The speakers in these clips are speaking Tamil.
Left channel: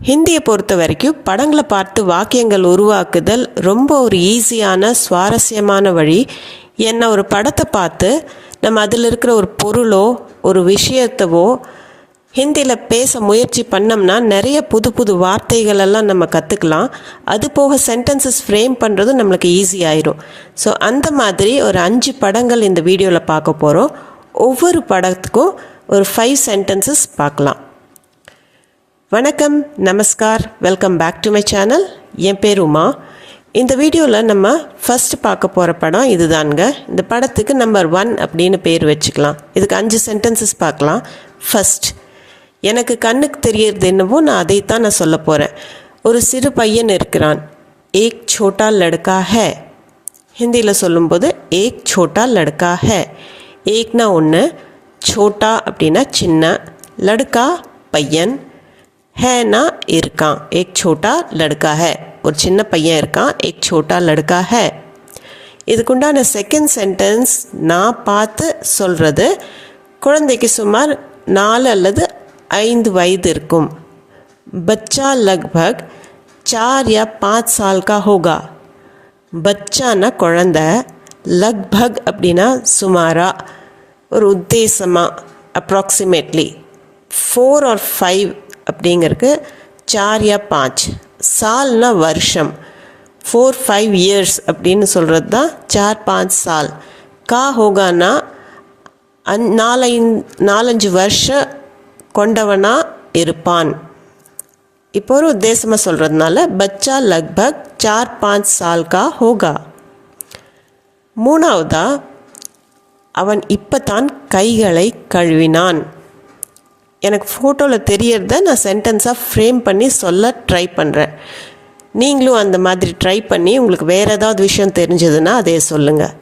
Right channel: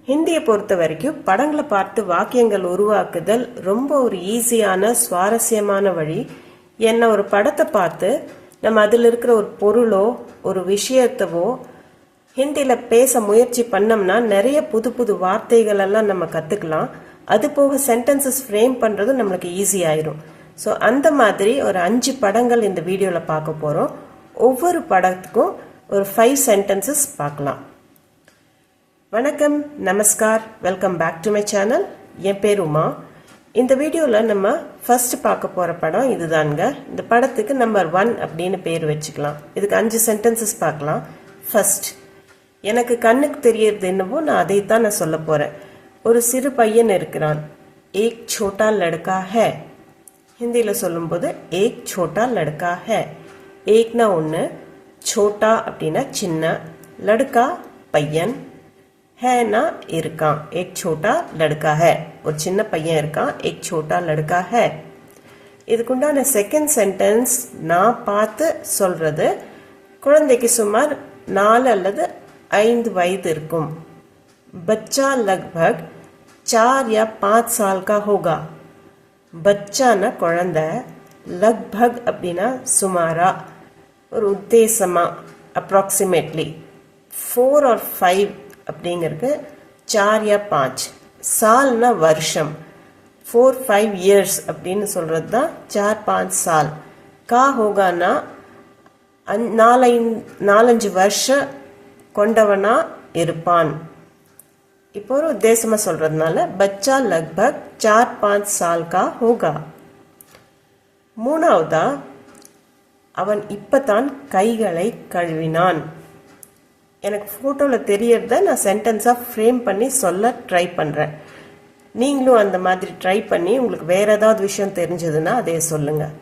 ஹிந்தியை பொறுத்த வரைக்கும் படங்களை பார்த்து வாக்கியங்கள் உருவாக்குதல் ரொம்ப ஒரு ஈஸியான சுவாரஸ்யமான வழி. என்ன ஒரு படத்தை பார்த்து நம்ம அதில் இருக்கிற ஒரு பொருளோ ஒரு விஷயத்தவோ ஹிந்தியில் பேச முயற்சி பண்ணோம்னா நிறைய புது புது வார்த்தைகளெல்லாம் நம்ம கற்றுக்கலாம். அது போக சென்டென்சஸ் ஃப்ரேம் பண்ணுறதும் நம்மளுக்கு ஈஸி ஆயிரும். ஸோ அந்த மாதிரி ஒரு 5 படங்கள் இந்த வீடியோவில் பார்க்க போகிறோம். ஒவ்வொரு படத்துக்கும் ஒரு 5 சென்டென்சஸ் பார்க்கலாம். வணக்கம், நமஸ்கார், welcome back to my channel. என் பேர் உமா. இந்த வீடியோவில் நம்ம ஃபஸ்ட்டு பார்க்க போகிற படம் இதுதானுங்க. இந்த படத்துக்கு நம்பர் 1 அப்படின்னு பேர் வச்சுக்கலாம். இதுக்கு 5 சென்டென்சஸ் பார்க்கலாம். ஃபஸ்ட், எனக்கு கண்ணுக்கு தெரியறது என்னவோ நான் அதைத்தான் நான் சொல்ல போகிறேன். ஒரு சிறு பையன் இருக்கிறான். ஏக் சோட்டா லடுக்கா ஹே. ஹிந்தியில் சொல்லும்போது ஏக் சோட்டா லடுக்கா ஹே. ஏக்னா ஒன்று, சோட்டா அப்படின்னா சின்ன, லடுக்கா பையன், ஹேனா இருக்கான். ஏக் சோட்டா லடுக்கா ஹே, ஒரு சின்ன பையன் இருக்கான். ஏக் சோட்டா லடுக்கா ஹே. இதுக்குண்டான செகண்ட் சென்டென்ஸ் நான் பார்த்து சொல்கிறது. குழந்தைக்கு சுமார் 4 அல்லது 5 வயது இருக்கும். பச்சா லக்பக் 4 या 5 साल का होगा. பச்சானா குழந்தை, லக்பக் அப்படின்னா சுமாரா, ஒரு உத்தேசமாக, அப்ராக்சிமேட்லி. 4 और 5 அப்படிங்கிறதுக்கு 4 या 5. சால்னா வருஷம். 4-5 இயர்ஸ் அப்படின்னு சொல்கிறது தான் 4-5 சால். கா ஹோகானா 4-5 வருஷம் கொண்டவனா இருப்பான். இப்போ ஒரு உத்தேசமாக சொல்கிறதுனால பச்சா லக்பக் 4-5 சால் கா ஹோகா. மூணாவதா, அவன் இப்போ தான் கைகளை கழுவினான். எனக்கு ஃபோட்டோவில் தெரியறத நான் சென்டென்ஸாக ஃப்ரேம் பண்ணி சொல்ல ட்ரை பண்ணுறேன். நீங்களும் அந்த மாதிரி ட்ரை பண்ணி உங்களுக்கு வேறு ஏதாவது விஷயம் தெரிஞ்சதுன்னா அதே சொல்லுங்கள்.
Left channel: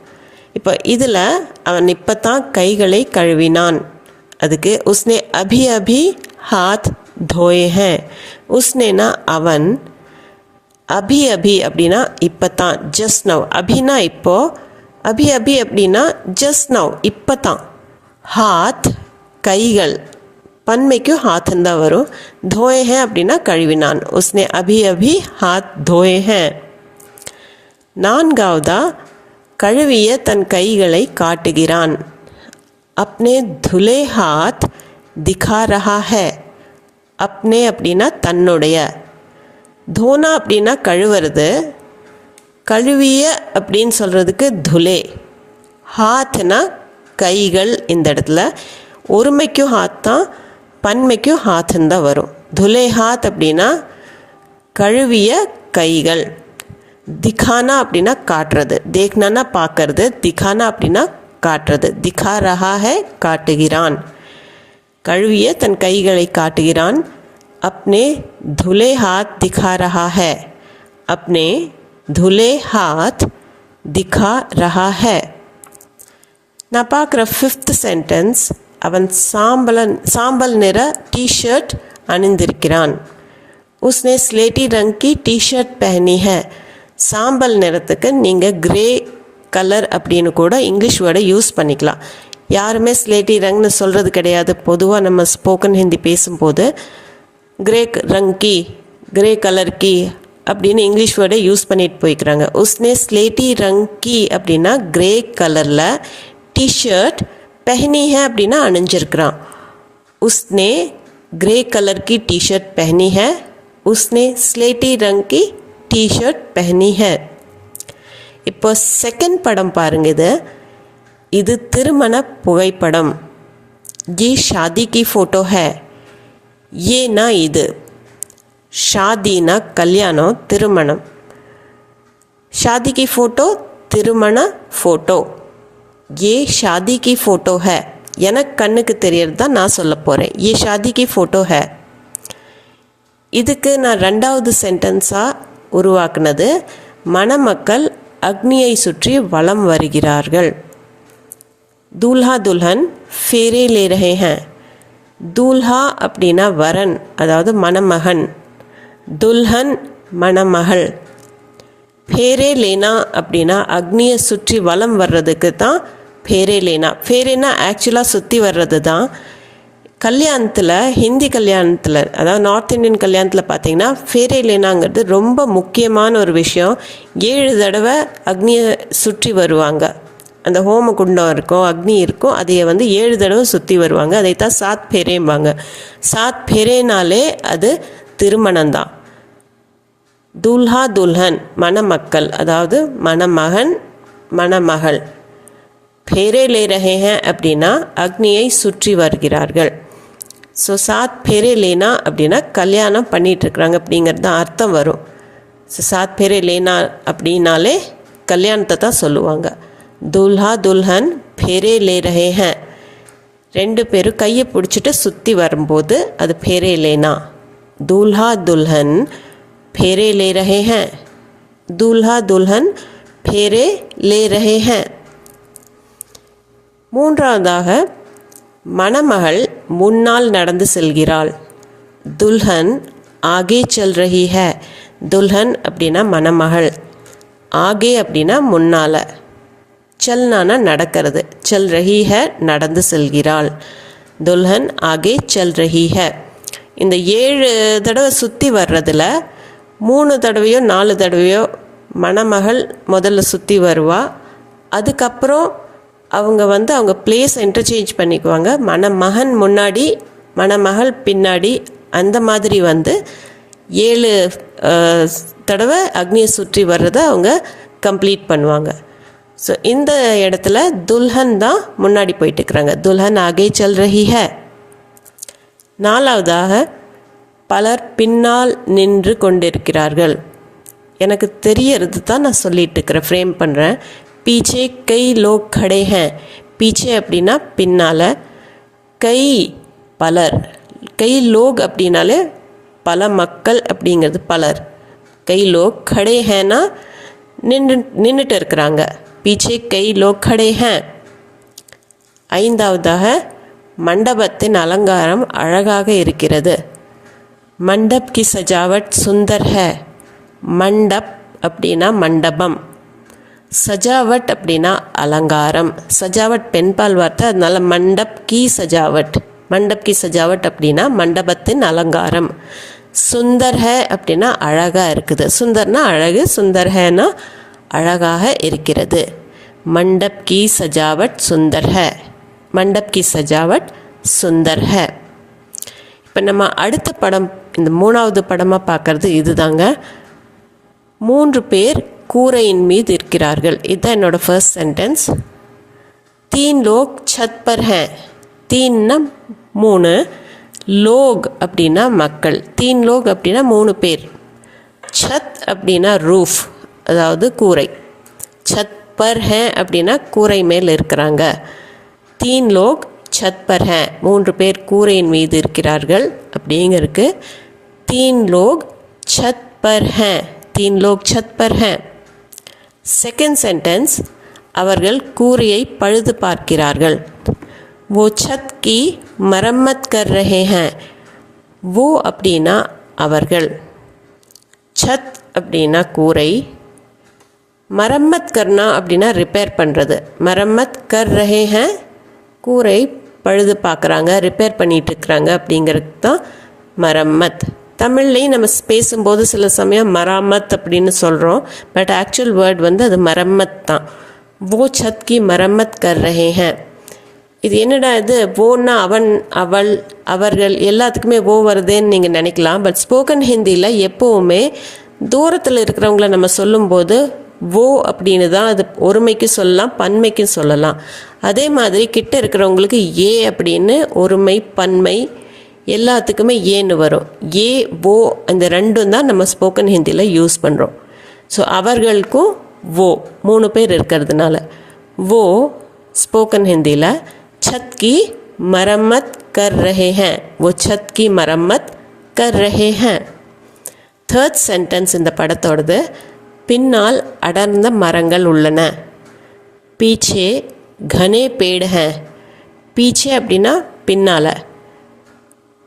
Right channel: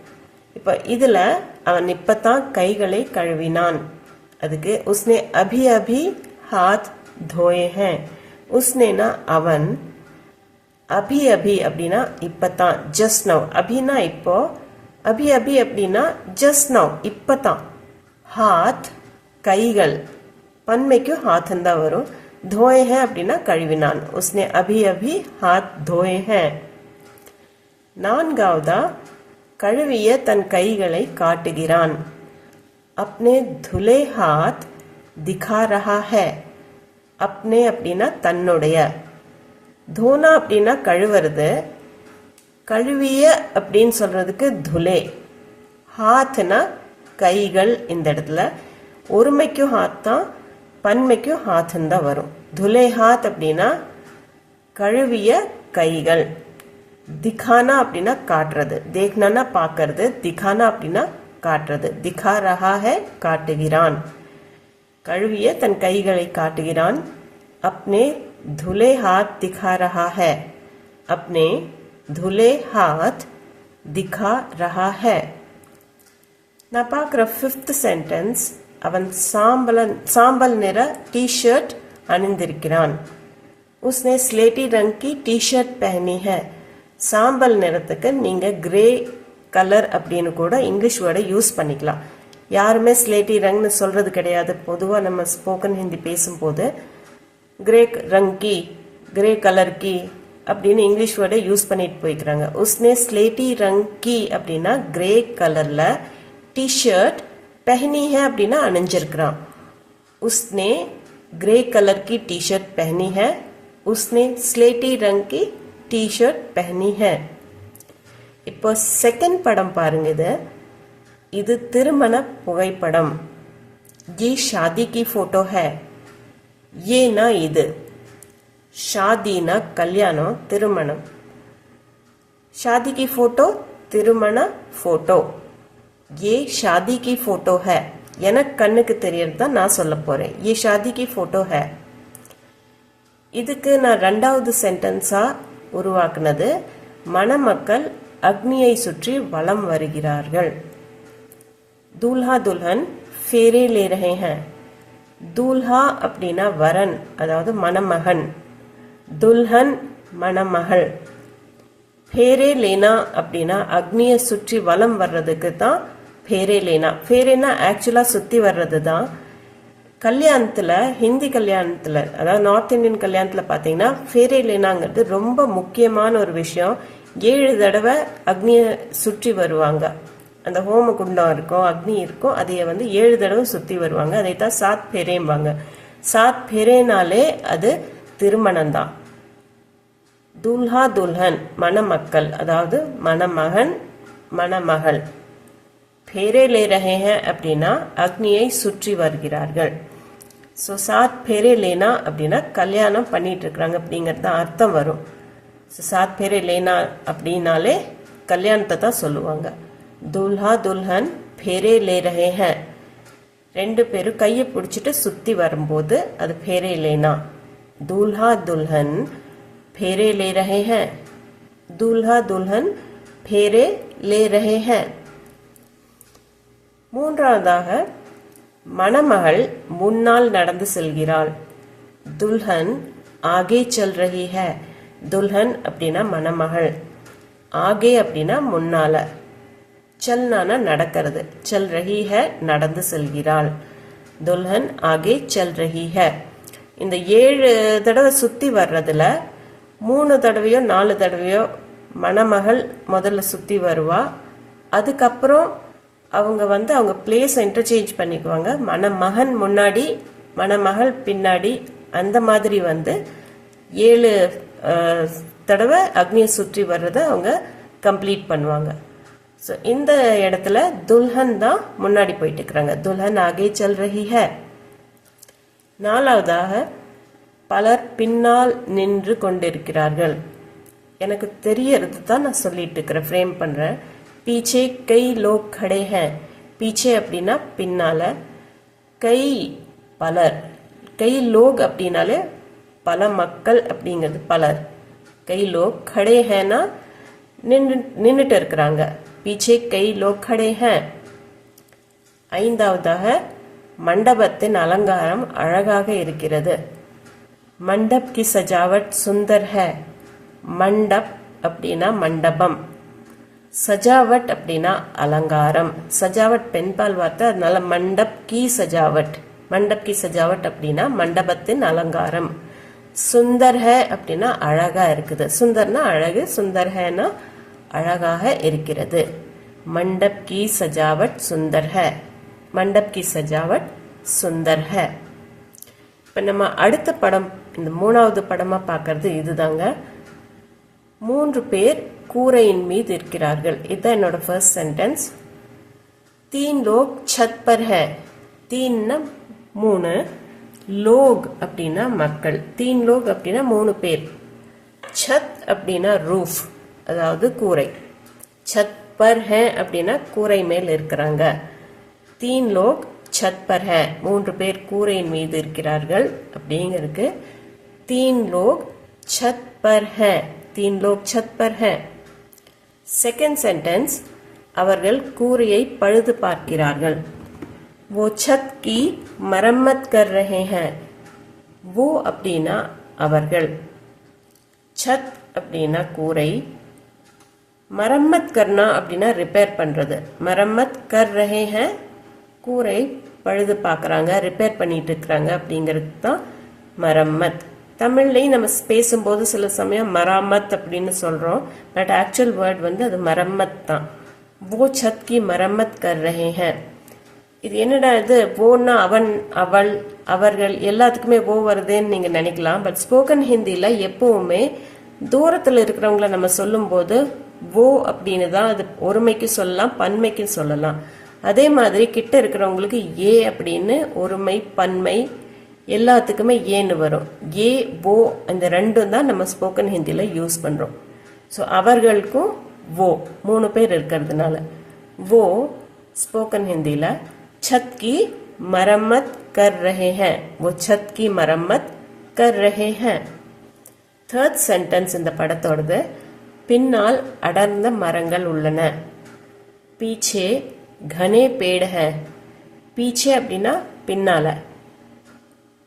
இப்போ இதில் அவன் இப்போ தான் கைகளை கழுவினான். அதுக்கு உஸ்னே அபி அபி ஹாத் தோயே ஹேன். உஸ்னேனா அவன், அபி அபி அப்படின்னா இப்போ தான், ஜஸ்ட் நவ். அபினா இப்போது, அபி அபி அப்படின்னா ஜஸ்ட் நவ், இப்போ தான். ஹாத் கைகள், பன்மைக்கும் ஹாத்துன்னு தான் வரும். தோயே ஹேன் அப்படின்னா கழுவினான். உஸ்னே அபி அபி ஹாத் தோயே ஹேன். நான்காவதா, கழுவிய தன் கைகளை காட்டுகிறான். அப்னே துலே ஹாத் திகா ரஹா ஹே. அப்னே அப்படின்னா தன்னுடைய, தோனா அப்படின்னா கழுவுறது, கழுவிய அப்படின்னு சொல்கிறதுக்கு துலே, ஹாத்னா கைகள். இந்த இடத்துல ஒருமைக்கும் ஹாத் தான், பன்மைக்கும் ஹாத்துன்னு தான் வரும். துலே ஹாத் அப்படின்னா கழுவிய கைகள். திகானா அப்படின்னா காட்டுறது, தேக்னானா பார்க்கறது, திகானா அப்படின்னா காட்டுறது. திகா ரஹா ஹே காட்டுகிறான். கழுவிய தன் கைகளை காட்டுகிறான். அப்னே துலே ஹாத் திகா ரஹா ஹே. அப்னே துலே ஹாத் திகா ரஹா ஹே. நான் பார்க்குற 5th சென்டென்ஸ், அவன் சாம்பல் நிற டிஷர்ட் அணிந்திருக்கிறான். உஸ்னே ஸ்லேட்டி ரங் கி டிஷர்ட் பெஹனி ஹே. சாம்பல் நிறத்துக்கு நீங்கள் கிரே கலர் அப்படின்னு கூட இங்கிலீஷ் வேர்டை யூஸ் பண்ணிக்கலாம். யாருமே ஸ்லேட்டி ரங்னு சொல்கிறது கிடையாது. பொதுவாக நம்ம ஸ்போக்கன் ஹிந்தி பேசும்போது கிரே ரங் கி, கிரே கலர் கி அப்படின்னு இங்கிலீஷ் வேர்டை யூஸ் பண்ணிட்டு போய்க்கிறாங்க. உஸ்னே ஸ்லேட்டி ரங் கி அப்படின்னா கிரே கலரில் டிஷர்ட், பெஹனி ஹே அப்படின்னா அணிஞ்சிருக்கிறான். உஸ்னே கிரே கலர் கி டிஷர்ட் பெஹனி ஹே. உஸ்னே ஸ்லேட்டி ரங் கி டிஷர்ட் பெஹனி ஹே. இப்போ செகண்ட் படம் பாருங்க. இது திருமண புகைப்படம். ये शादी की फ़ोटो है. ஏனா இது, ஷாதினா கல்யாணம், திருமணம். ஷாதி கி ஃபோட்டோ, திருமண ஃபோட்டோ. ஏ ஷாதி கி ஃபோட்டோ ஹே. எனக்கு கண்ணுக்கு தெரியறது தான் நான் சொல்ல போகிறேன். ஏ ஷாதி கி ஃபோட்டோ ஹே. இதுக்கு நான் 2வது சென்டென்ஸாக உருவாக்குனது, மணமக்கள் அக்னியை சுற்றி வலம் வருகிறார்கள். दूल्हा दुल्हन फेरे ले रहे हैं. दूल्हा அப்படின்னா வரன், அதாவது மணமகன். துல்ஹன் மணமகள். ஃபேரே லேனா அப்படின்னா அக்னியை சுற்றி வலம் வர்றதுக்கு தான் ஃபேரே லேனா. ஃபேரேனா ஆக்சுவலாக சுற்றி வர்றது தான். கல்யாணத்தில், ஹிந்தி கல்யாணத்தில், அதாவது நார்த் இந்தியன் கல்யாணத்தில் பார்த்திங்கன்னா ஃபேரே லேனாங்கிறது ரொம்ப முக்கியமான ஒரு விஷயம். 7 தடவை அக்னியை சுற்றி வருவாங்க. அந்த ஹோம குண்டம் இருக்கும், அக்னி இருக்கும், அதையை 7 தடவை சுற்றி வருவாங்க. அதைத்தான் சாத் ஃபேரேம்பாங்க. சாத் ஃபேரேனாலே அது திருமணம்தான். துல்ஹா துல்ஹன் மணமக்கள், அதாவது மணமகன் மணமகள். ஃபேரே லே ரஹே ஹே அப்படின்னா அக்னியை சுற்றி வருகிறார்கள். ஸோ சாத் ஃபேரே லேனா அப்படின்னா கல்யாணம் பண்ணிகிட்ருக்குறாங்க அப்படிங்கிறது தான் அர்த்தம் வரும். ஸோ சாத் ஃபேரே லேனா அப்படின்னாலே கல்யாணத்தை தான் சொல்லுவாங்க. துல்ஹா துல்ஹன் ஃபேரே லே ரஹே ஹே, 2 பேரும் கையை பிடிச்சிட்டு சுற்றி வரும்போது அது ஃபேரே லேனா. துல்ஹா துல்ஹன் ஃபேரே லே ரஹே ஹே, துல்ஹா துல்ஹன் ஃபேரே லே ரஹே ஹே. மூன்றாவதாக மணமகள் முன்னால் நடந்து செல்கிறாள். துல்ஹன் ஆகே செல் ரஹி ஹே. துல்ஹன் அப்படின்னா மணமகள், ஆகே அப்படின்னா முன்னால், செல்னானா நடக்கிறது, செல் ரஹி ஹே நடந்து செல்கிறாள். துல்ஹன் ஆகே செல் ரஹி ஹே. இந்த 7 தடவை சுற்றி வர்றதில் 3 தடவையோ 4 தடவையோ மணமகள் முதல்ல சுற்றி வருவா. அதுக்கப்புறம் அவங்க அவங்க பிளேஸ் இன்டர்சேஞ்ச் பண்ணிக்குவாங்க. மணமகன் முன்னாடி மணமகள் பின்னாடி, அந்த மாதிரி 7 தடவை அக்னியை சுற்றி வர்றதை அவங்க கம்ப்ளீட் பண்ணுவாங்க. ஸோ இந்த இடத்துல துல்ஹன் தான் முன்னாடி போயிட்டுருக்குறாங்க. துல்ஹன் ஆகே செல் ரஹி ஹே. நாலாவதாக பலர் பின்னால் நின்று கொண்டிருக்கிறார்கள். எனக்கு தெரியறது தான் நான் சொல்லிட்டு இருக்கிறேன், ஃப்ரேம் பண்ணுறேன். பீச்சே கை லோக் खड़े हैं. பீச்சே அப்படின்னா பின்னால், கை பலர், கை லோக் அப்படின்னாலே பல மக்கள் அப்படிங்கிறது பலர். கை லோக் खड़े हैंனா நின்றுட்டு இருக்கிறாங்க. பீச்சே கை லோக் खड़े हैं. ஐந்தாவதாக மண்டபத்தின் அலங்காரம் அழகாக இருக்கிறது. மண்டப் கி சஜாவட் சுந்தர் ஹே. மண்டப் அப்படின்னா மண்டபம், சஜாவட் அப்படின்னா அலங்காரம். சஜாவட் பெண்பால் வார்த்தை, அதனால மண்டப் கி சஜாவட். மண்டப் கி சஜாவட் அப்படின்னா மண்டபத்தின் அலங்காரம். சுந்தர் ஹே அப்படின்னா அழகாக இருக்குது. சுந்தர்னா அழகு, சுந்தர் ஹேனா அழகாக இருக்கிறது. மண்டப் கி சஜாவட் சுந்தர் ஹே. மண்டப் கி சஜாவட் சுந்தர் ஹே. இப்போ நம்ம அடுத்த படம், இந்த 3வது படமாக பார்க்குறது இதுதாங்க. 3 பேர் கூரையின் மீது இருக்கிறார்கள். இதுதான் என்னோட ஃபர்ஸ்ட் சென்டென்ஸ். 3 லோக் சத் பர் ஹே. 3னா 3, லோக் அப்படின்னா மக்கள். 3 லோக் அப்படின்னா 3 பேர். சத் அப்படின்னா ரூஃப், அதாவது கூரை. சத் பர் ஹே அப்படின்னா கூரை மேல் இருக்கிறாங்க. 3 லோக் சத் பர் ஹே, 3 பேர் கூரையின் மீது இருக்கிறார்கள் அப்படிங்கிறதுக்கு 3 லோக் சத் பர் ஹே. 3 லோக் சத் பர் ஹே. செகண்ட் சென்டென்ஸ், அவர்கள் கூரையை பழுது பார்க்கிறார்கள். वो छत की मरम्मत कर रहे हैं. वो அப்படின்னா அவர்கள், சத் அப்படின்னா கூரை, மரம்மத் கர்னா அப்படின்னா ரிப்பேர் பண்ணுறது. மரம்மத் கர் ரஹே ஹே, கூரை பழுது பார்க்குறாங்க, ரிப்பேர் பண்ணிகிட்ருக்குறாங்க அப்படிங்கிறது தான் மரம்மத். தமிழ்லேயும் நம்ம பேசும்போது சில சமயம் மராமத் அப்படின்னு சொல்கிறோம், பட் ஆக்சுவல் வேர்ட் அது மரம்மத் தான். वो छत की मरम्मत कर रहे हैं. இது என்னடா இது, ஓன்னா அவன் அவள் அவர்கள் எல்லாத்துக்குமே ஓ வருதுன்னு நீங்கள் நினைக்கலாம். பட் ஸ்போக்கன் ஹிந்தியில் எப்போவுமே தூரத்தில் இருக்கிறவங்கள நம்ம சொல்லும்போது ஓ அப்படின்னு தான் அது ஒருமைக்கு சொல்லலாம், பன்மைக்கு சொல்லலாம். அதே மாதிரி கிட்ட இருக்கிறவங்களுக்கு ஏ அப்படின்னு ஒருமை பன்மை எல்லாத்துக்குமே ஏன்னு வரும். ஏ ஓ அந்த ரெண்டும் தான் நம்ம ஸ்போக்கன் ஹிந்தியில் யூஸ் பண்ணுறோம். ஸோ அவர்களுக்கும் ஓ 3 பேர் இருக்கிறதுனால वो स्पोकन हिंदीला छत की मरम्मत कर रहे हैं. वो छत की मरम्मत कर रहे हैं. थर्ड सेंटेंस இந்த படத்தோடது, பின்னால் அடர்ந்த மரங்கள் உள்ளன. पीछे घने पेड़ हैं. पीछे அப்படின்னா பின்னால்,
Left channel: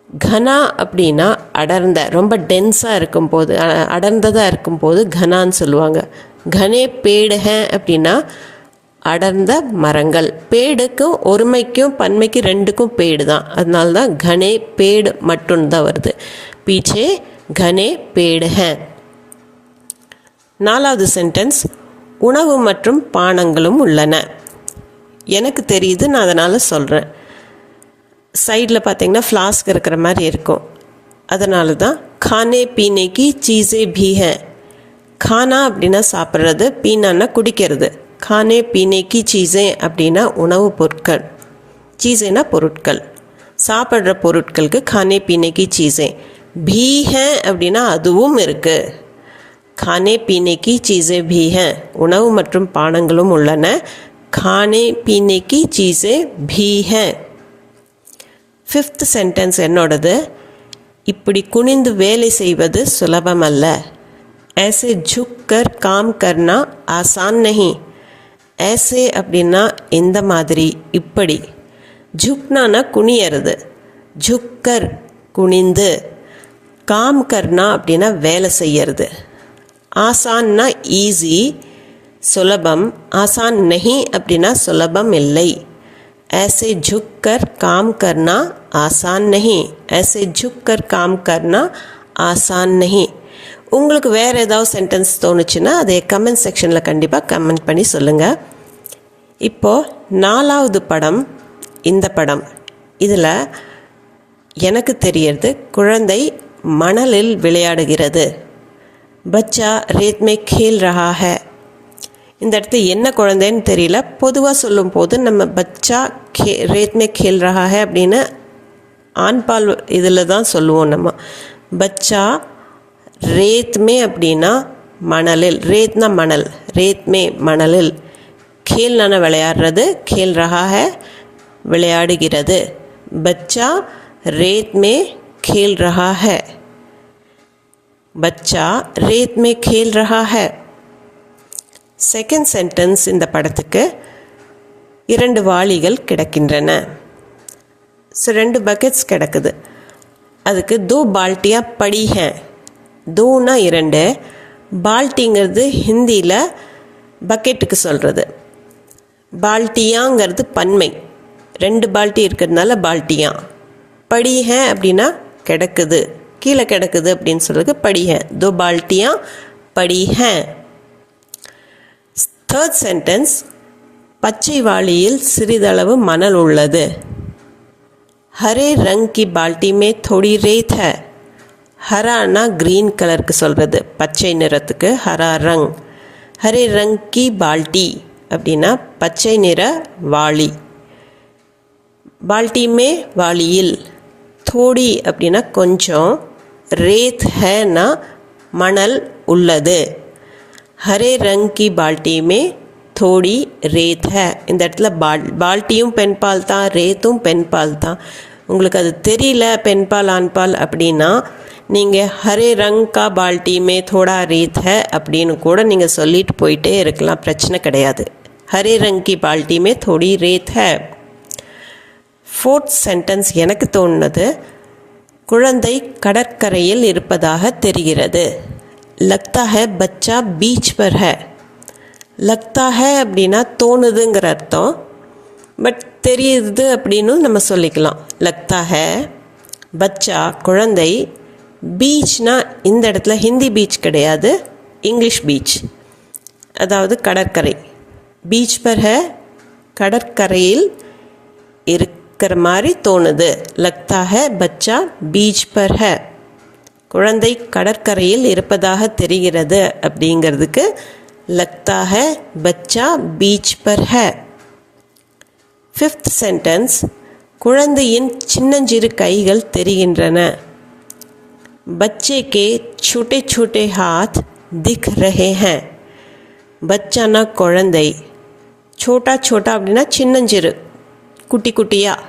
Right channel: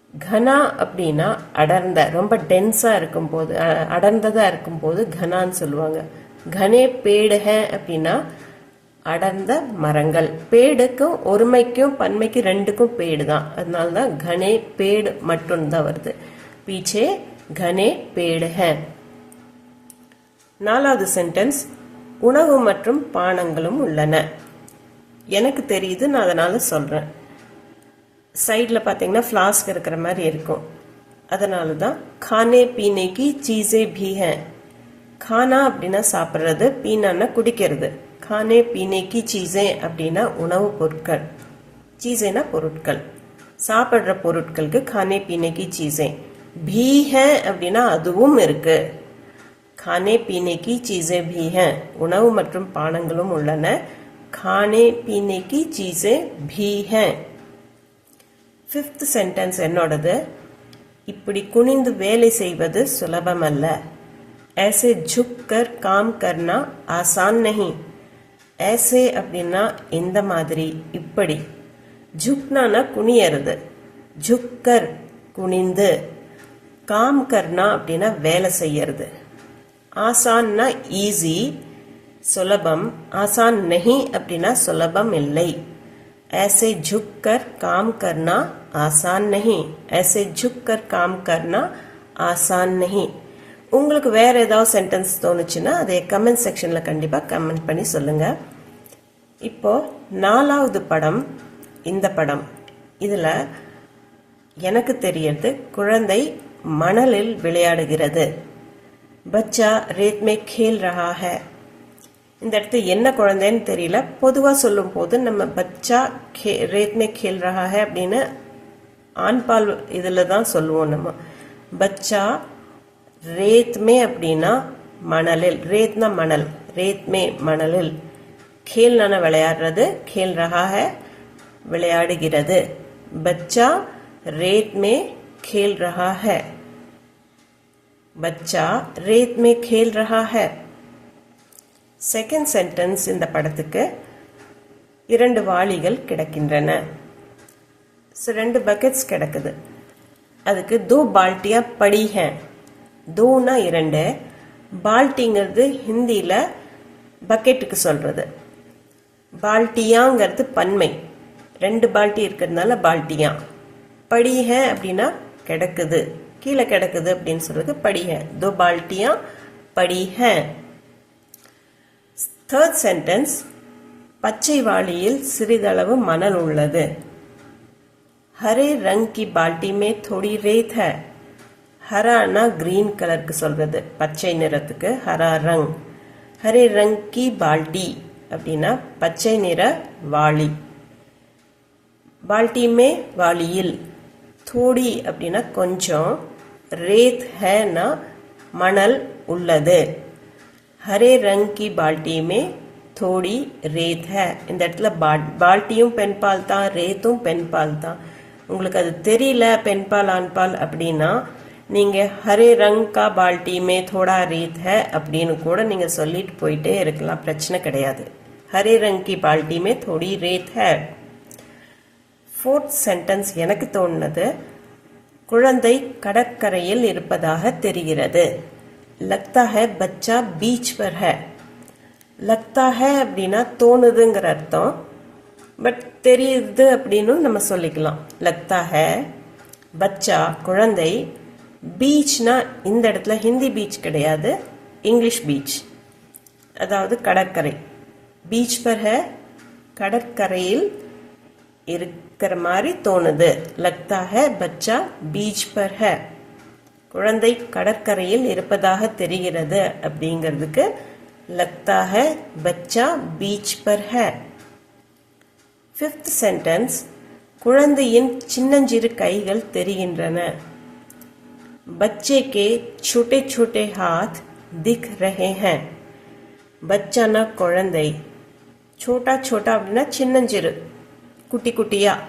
கனா அப்படின்னா அடர்ந்த, ரொம்ப டென்ஸாக இருக்கும்போது, அடர்ந்ததாக இருக்கும்போது கனான்னு சொல்லுவாங்க. கனே பேடு ஹே அப்படின்னா அடர்ந்த மரங்கள். பேடுக்கும் ஒருமைக்கும் பன்மைக்கு ரெண்டுக்கும் பேடு தான், அதனால தான் கனே பேடு மட்டும்தான் வருது. பீச்சே கனே பேடு ஹே. 4வது சென்டென்ஸ், உணவு மற்றும் பானங்களும் உள்ளன. எனக்கு தெரியுது, நான் அதனால் சொல்கிறேன். சைடில் பார்த்தீங்கன்னா ஃப்ளாஸ்க் இருக்கிற மாதிரி இருக்கும், அதனால தான் खाने पीने की चीज़ें भी हैं. खाना அப்படின்னா சாப்பிட்றது, பீனான்னா குடிக்கிறது. खाने पीने की चीज़ें அப்படின்னா உணவு பொருட்கள், சீஸேனா பொருட்கள், சாப்பிட்ற பொருட்களுக்கு खाने पीने की चीज़ें. भी हैं அப்படின்னா அதுவும் இருக்குது. खाने पीने की चीज़ें भी हैं, உணவு மற்றும் பானங்களும் உள்ளன. खाने पीने की चीज़ें भी हैं. 5th சென்டென்ஸ் என்னோடது. இப்படி குனிந்து வேலை செய்வது சுலபமல்ல. ऐसे झुक कर काम करना आसान नहीं. ऐसे அப்படின்னா இந்த மாதிரி, இப்படி. झुकना குனியறது, झुककर குனிந்து. काम करना அப்படின்னா வேலை செய்யறது. ஆசான்னா ஈஸி, சுலபம். ஆசான் नहीं அப்படின்னா சுலபம் இல்லை. ऐसे झुक कर काम करना आसान नहीं. ऐसे झुक कर काम करना आसान नहीं. உங்களுக்கு வேறு ஏதாவது சென்டென்ஸ் தோணுச்சுன்னா அதை கமெண்ட் செக்ஷனில் கண்டிப்பாக கமெண்ட் பண்ணி சொல்லுங்கள். இப்போது 4வது படம், இந்த படம். இதில் எனக்கு தெரியறது, குழந்தை மணலில் விளையாடுகிறது. பச்சா ரேத் மே கேல் ரஹா ஹை. இந்த இடத்துல என்ன குழந்தைன்னு தெரியல. பொதுவாக சொல்லும் போது நம்ம பச்சா ரேத் மே கேல் ரஹா ஹை அப்படின்னு ஆண்பால் இதில் தான் சொல்லுவோம் நம்ம. பச்சா ரேத் மே அப்படின்னா மணலில், ரேத்னா மணல், ரேத் மே மணலில், கேல்னா விளையாடுறது, கேல் ரஹா ஹை விளையாடுகிறது. பச்சா ரேத் மே கேல் ரஹா ஹை. பச்சா ரேத் மே கேல் ரஹா ஹை. செகண்ட் சென்டென்ஸ் இந்த படத்துக்கு, 2 வாளிகள் கிடக்கின்றன. ஸோ 2 பக்கெட்ஸ் கிடக்குது. அதுக்கு 2 பால்ட்டியா படி ஹே. 2னா 2, பால்ட்டிங்கிறது ஹிந்தியில் பக்கெட்டுக்கு சொல்கிறது. பால்ட்டியாங்கிறது பன்மை, 2 பால்ட்டி இருக்கிறதுனால பால்ட்டியா. படி ஹே அப்படின்னா கிடக்குது, கீழே கிடக்குது அப்படின்னு சொல்கிறது படி ஹே. 2 பால்ட்டியா படி ஹே. 3rd சென்டென்ஸ், பச்சை வாளியில் சிறிதளவு மணல் உள்ளது. ஹரே ரங் கி பால்ட்டி மே தோடி ரேத் ஹை. ஹரானா கிரீன் கலருக்கு சொல்கிறது, பச்சை நிறத்துக்கு ஹரா ரங். ஹரே ரங் கி பால்ட்டி அப்படின்னா பச்சை நிற வாளி. பால்ட்டி மே வாளியில், தோடி அப்படின்னா கொஞ்சம், ரேத் ஹைனா மணல் உள்ளது. ஹரே ரங் கி பால்ட்டி மே தோடி ரேத் ஹை. இந்த இடத்துல பால்ட்டியும் பெண்பால் தான், ரேத்தும் பெண்பால் தான். உங்களுக்கு அது தெரியல பெண்பால் ஆண்பால் அப்படின்னா நீங்கள் ஹரே ரங் கா பால்ட்டி மே தோடா ரேத் ஹை அப்படின்னு கூட நீங்கள் சொல்லிட்டு போயிட்டே இருக்கலாம், பிரச்சனை கிடையாது. ஹரே ரங் கி பால்ட்டி மே தோடி ரேத் ஹை. 4th சென்டென்ஸ் எனக்கு தோணுனது, குழந்தை கடற்கரையில் இருப்பதாக தெரிகிறது. லக்தா ஹை பச்சா பீச் பர் ஹை. லக்தா ஹை அப்படின்னா தோணுதுங்கிற அர்த்தம், பட் தெரியுது அப்படின்னு நம்ம சொல்லிக்கலாம். லக்தா ஹை பச்சா குழந்தை, பீச்னா இந்த இடத்துல ஹிந்தி பீச் கிடையாது, இங்கிலீஷ் பீச், அதாவது கடற்கரை. பீச் பர் ஹை கடற்கரையில் இருக்கிற மாதிரி தோணுது. லக்தா ஹை பச்சா பீச் பர் ஹை, குழந்தை கடற்கரையில் இருப்பதாக தெரிகிறது அப்படிங்கிறதுக்கு லக்தா ஹை பச்சா பீச் பர் ஹை. 5th சென்டென்ஸ், குழந்தையின் சின்னஞ்சிறு கைகள் தெரிகின்றன. பச்சே கே छोटे छोटे हाथ दिख रहे हैं. பச்சானா குழந்தை, சோட்டா சோட்டா அப்படின்னா சின்னஞ்சிறு, குட்டி குட்டியாக.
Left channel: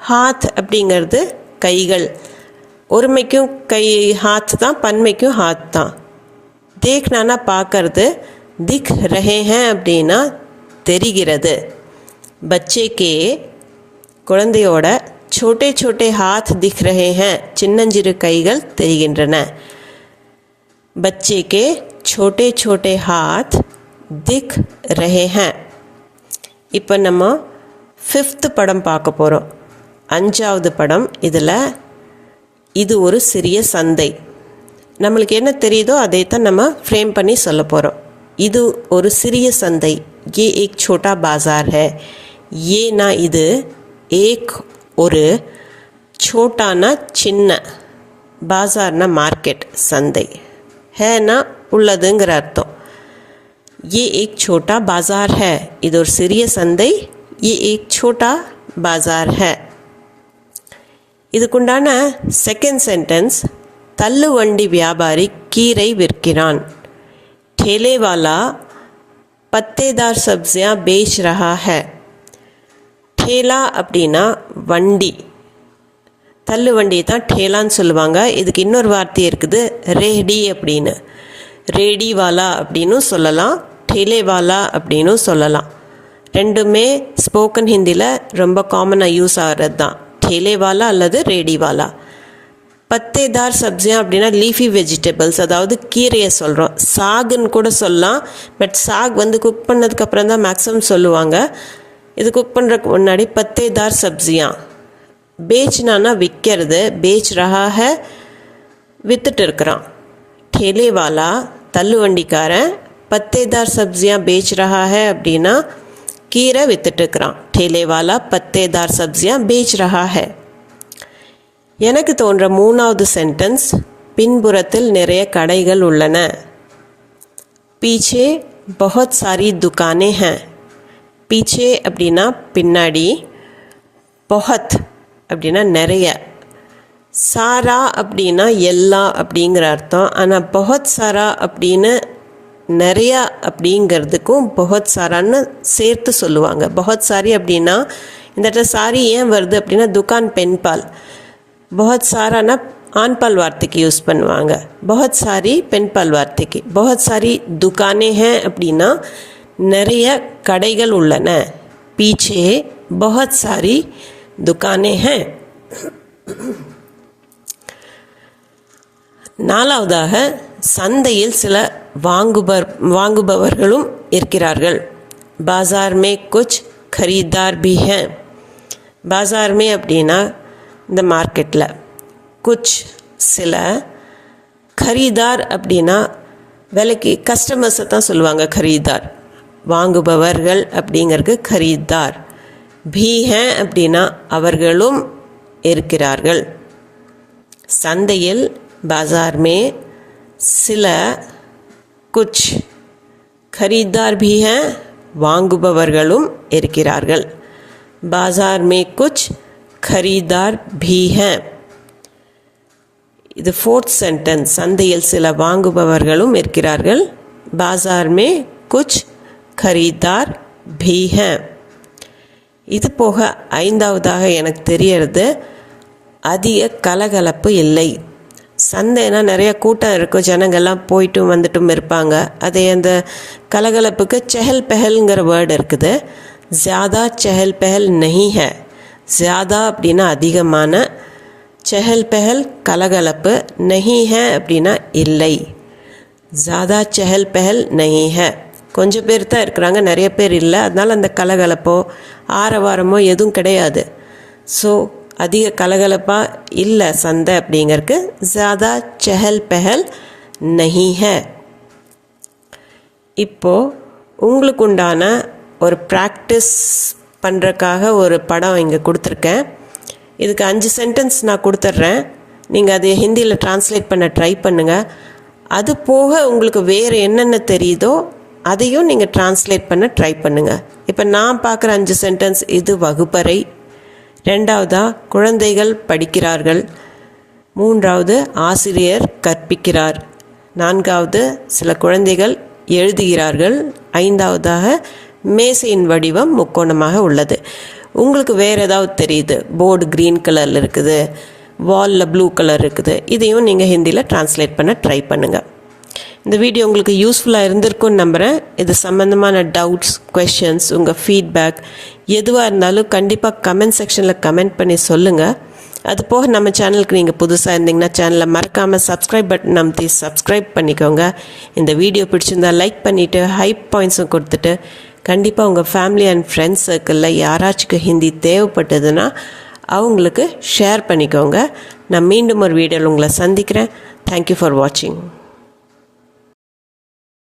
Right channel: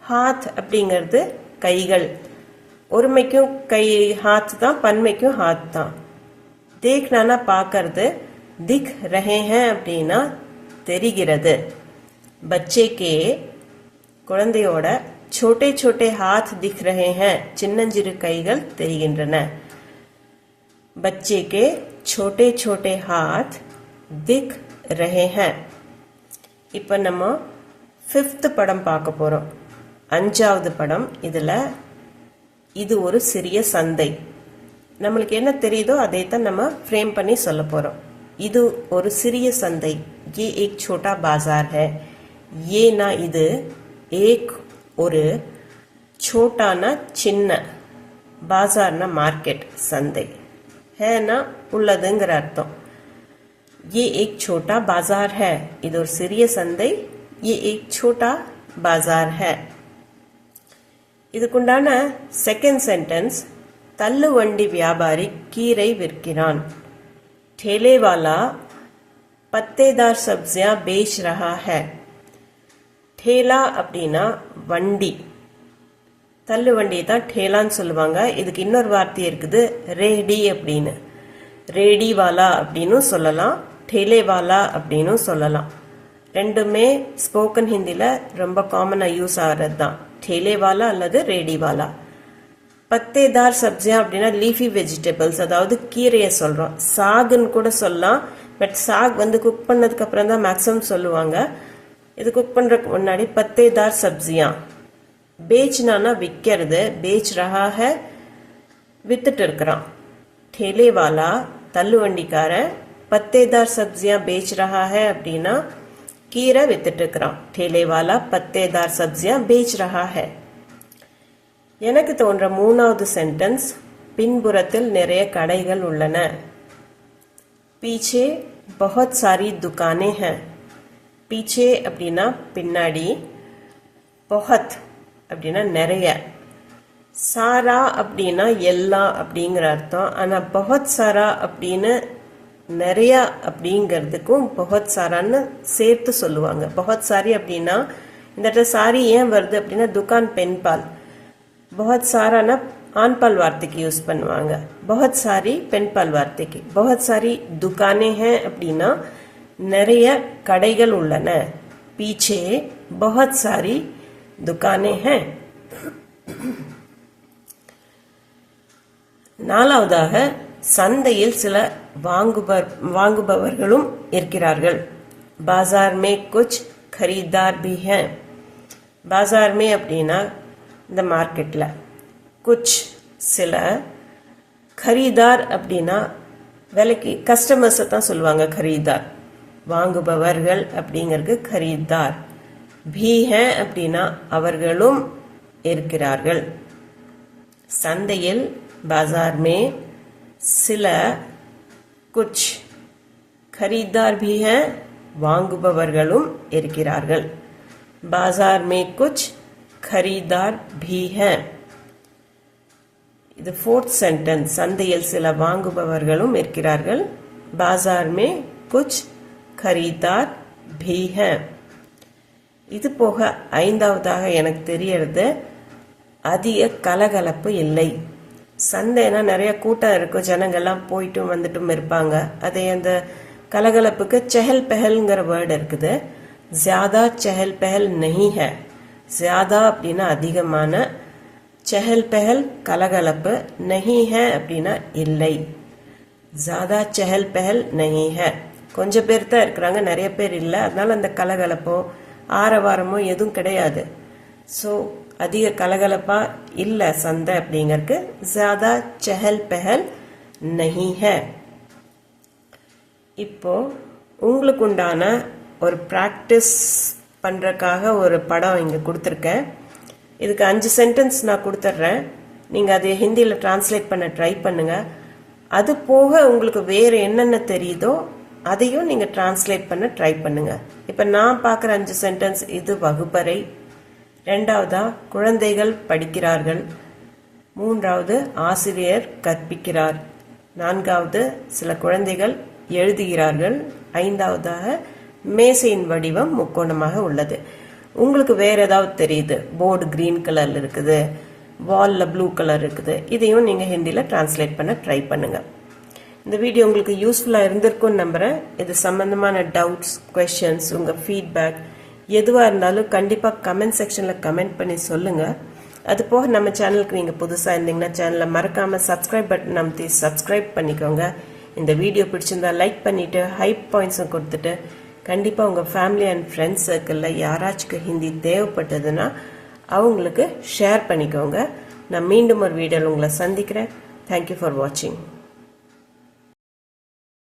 ஹாத் அப்படிங்கிறது கைகள், ஒருமைக்கும் கை ஹாத் தான், பன்மைக்கும் ஹாத் தான். தேக்னானா பார்க்கறது, திக் ரஹே ஹேன் அப்படின்னா தெரிகிறது. பச்சே கே குழந்தையோட छोटे छोटे हाथ दिख रहे हैं, சின்னஞ்சிறு கைகள் தெரிகின்றன. बच्चे के छोटे छोटे हाथ दिख रहे हैं. இப்போ நம்ம 5th படம் பார்க்க போகிறோம். 5வது படம். இதில் இது ஒரு சிறிய சந்தை. நம்மளுக்கு என்ன தெரியுதோ அதை தான் நம்ம ஃப்ரேம் பண்ணி சொல்ல போகிறோம். இது ஒரு சிறிய சந்தை. ये एक छोटा बाज़ार है. ये ना இது एक ஒரு छोटाனா சின்ன, பாசார்னா மார்க்கெட், சந்தை, ஹேனா உள்ளதுங்கிற அர்த்தம். ये एक छोटा बाज़ार है. இது ஒரு சிறிய சந்தை. ये एक छोटा बाज़ार है. இதுக்குண்டான செகண்ட் சென்டென்ஸ், தள்ளுவண்டி வியாபாரி கீரை விற்கிறான். ठेले वाला पत्तेदार सब्जियां बेच रहा है. ठेला அப்படின்னா வண்டி, தள்ளு வண்டி தான் ठेलाன்னு சொல்லுவாங்க. இதுக்கு இன்னொரு வார்த்தை இருக்குது, ரேடி அப்படின்னு. ரேடி வாலா அப்படின்னு சொல்லலாம், ठेले वाला அப்படின்னு சொல்லலாம். ரெண்டுமே ஸ்போக்கன் ஹிந்தியில் ரொம்ப காமனாக யூஸ் ஆகிறது தான், ठेले वाला அல்லது ரேடி வாலா. பத்தேதார் சப்ஜியா அப்படின்னா லீஃபி வெஜிடபிள்ஸ், அதாவது கீரையை சொல்கிறோம். சாகுன்னு கூட சொல்லலாம், பட் சாக் குக் பண்ணதுக்கப்புறம் தான் மேக்ஸிமம் சொல்லுவாங்க. இது குக் பண்ணுறதுக்கு முன்னாடி பத்தேதார் சப்ஜியா. பேச்னானா விற்கிறது, பேச் ரஹாக வித்துட்டு இருக்கிறான். ठेले वाला தள்ளுவண்டிக்காரன், பத்தேதார் சப்ஜியா பேச் ரஹா ஹை அப்படின்னா கீரை வித்துட்டு இருக்கிறான். ठेले वाला पत्तेदार सब्जियां बेच रहा है. எனக்கு தோன்ற 3வது சென்டென்ஸ், பின்புறத்தில் நிறைய கடைகள் உள்ளன. पीछे बहुत सारी दुकानें हैं. पीछे அப்படின்னா பின்னாடி, बहुत அப்படின்னா நிறைய, சாரா அப்படின்னா எல்லா அப்படிங்கிற அர்த்தம். ஆனால் बहुत सारा அப்படின்னு நிறையா அப்படிங்கிறதுக்கும் बहुत சாரான்னு சேர்த்து சொல்லுவாங்க. बहुत सारी அப்படின்னா இந்த இடத்துல சாரி ஏன் வருது அப்படின்னா துக்கான் பெண்பால், बहुत சாரானா ஆண்பால் வார்த்தைக்கு யூஸ் பண்ணுவாங்க, बहुत सारी பெண்பால் வார்த்தைக்கு. बहुत सारी दुकानें हैं அப்படின்னா நிறைய கடைகள் உள்ளன. पीछे बहुत सारी दुकानें हैं. 4வதாக, சந்தையில் சில வாங்குபவர்களும் இருக்கிறார்கள். बाजार में कुछ खरीदार भी हैं. बाजार में அப்படின்னா இந்த மார்க்கெட்டில், குச் சில, खरीदार அப்படின்னா விலைக்கு கஸ்டமர்ஸை தான் சொல்லுவாங்க खरीदार. வாங்குபவர்கள் அப்படிங்கிறது खरीदार. भी हैं அப்படின்னா அவர்களும் இருக்கிறார்கள். சந்தையில் बाजार में சில, कुछ, खरीदार भी हैं, வாங்குபவர்களும் இருக்கிறார்கள். बाजार में कुछ खरीदार भी हैं. இது 4th சென்டென்ஸ், சந்தையில் சில வாங்குபவர்களும் இருக்கிறார்கள். बाजार में कुछ खरीदार भी हैं. இது போக 5வதாக எனக்கு தெரியறது, அதிக கலகலப்பு இல்லை. சந்தைனா நிறைய கூட்டம் இருக்கும், ஜனங்கள்லாம் போயிட்டும் வந்துட்டும் இருப்பாங்க. அதே அந்த கலகலப்புக்கு செஹல் பெஹல்ங்கிற வேர்டு இருக்குது. ज़्यादा चहल पहल नहीं है. ज़्यादा அப்படின்னா அதிகமான, चहल पहल கலகலப்பு, नहीं है அப்படின்னா இல்லை. ज़्यादा चहल पहल नहीं है. கொஞ்சம் பேர் தான் இருக்கிறாங்க, நிறைய பேர் இல்லை. அதனால் அந்த கலகலப்போ ஆரவாரமோ எதுவும் கிடையாது. ஸோ அதிக கலகலப்பாக இல்லை சந்தை அப்படிங்கிறதுக்கு ज़्यादा चहल पहल नहीं है. இப்போது உங்களுக்கு உண்டான ஒரு ப்ராக்டிஸ் பண்ணுறதுக்காக ஒரு படம் இங்கே கொடுத்துருக்கேன். இதுக்கு 5 சென்டென்ஸ் நான் கொடுத்துட்றேன். நீங்கள் அதை ஹிந்தியில் ட்ரான்ஸ்லேட் பண்ண ட்ரை பண்ணுங்கள். அது போக உங்களுக்கு வேறு என்னென்ன தெரியுதோ அதையும் நீங்கள் ட்ரான்ஸ்லேட் பண்ண ட்ரை பண்ணுங்கள். இப்போ நான் பார்க்குற 5 சென்டென்ஸ், இது வகுப்பறை. 2வதா குழந்தைகள் படிக்கிறார்கள். 3வது ஆசிரியர் கற்பிக்கிறார். 4வது சில குழந்தைகள் எழுதுகிறார்கள். 5வதாக மேசையின் வடிவம் முக்கோணமாக உள்ளது. உங்களுக்கு வேறு ஏதாவது தெரியுது, போர்டு க்ரீன் கலரில் இருக்குது, வாலில் ப்ளூ கலர் இருக்குது, இதையும் நீங்கள் ஹிந்தியில் ட்ரான்ஸ்லேட் பண்ண ட்ரை பண்ணுங்கள். இந்த வீடியோ உங்களுக்கு யூஸ்ஃபுல்லாக இருந்திருக்குன்னு நம்புகிறேன். இது சம்மந்தமான டவுட்ஸ், கொஷின்ஸ், உங்கள் ஃபீட்பேக் எதுவாக இருந்தாலும் கண்டிப்பாக கமெண்ட் செக்ஷனில் கமெண்ட் பண்ணி சொல்லுங்கள். அது போக நம்ம சேனலுக்கு நீங்கள் புதுசாக இருந்தீங்கன்னா சேனலை மறக்காமல் சப்ஸ்கிரைப் பட்டன் அமைத்தி சப்ஸ்கிரைப் பண்ணிக்கோங்க. இந்த வீடியோ பிடிச்சிருந்தால் லைக் பண்ணிவிட்டு ஹை பாயிண்ட்ஸும் கொடுத்துட்டு கண்டிப்பாக உங்கள் ஃபேமிலி அண்ட் ஃப்ரெண்ட்ஸ் சர்க்கிளில் யாராச்சுக்கு ஹிந்தி தேவைப்பட்டதுன்னா அவங்களுக்கு ஷேர் பண்ணிக்கோங்க. நான் மீண்டும் ஒரு வீடியோவில் உங்களை சந்திக்கிறேன். தேங்க்யூ ஃபார் வாட்சிங்.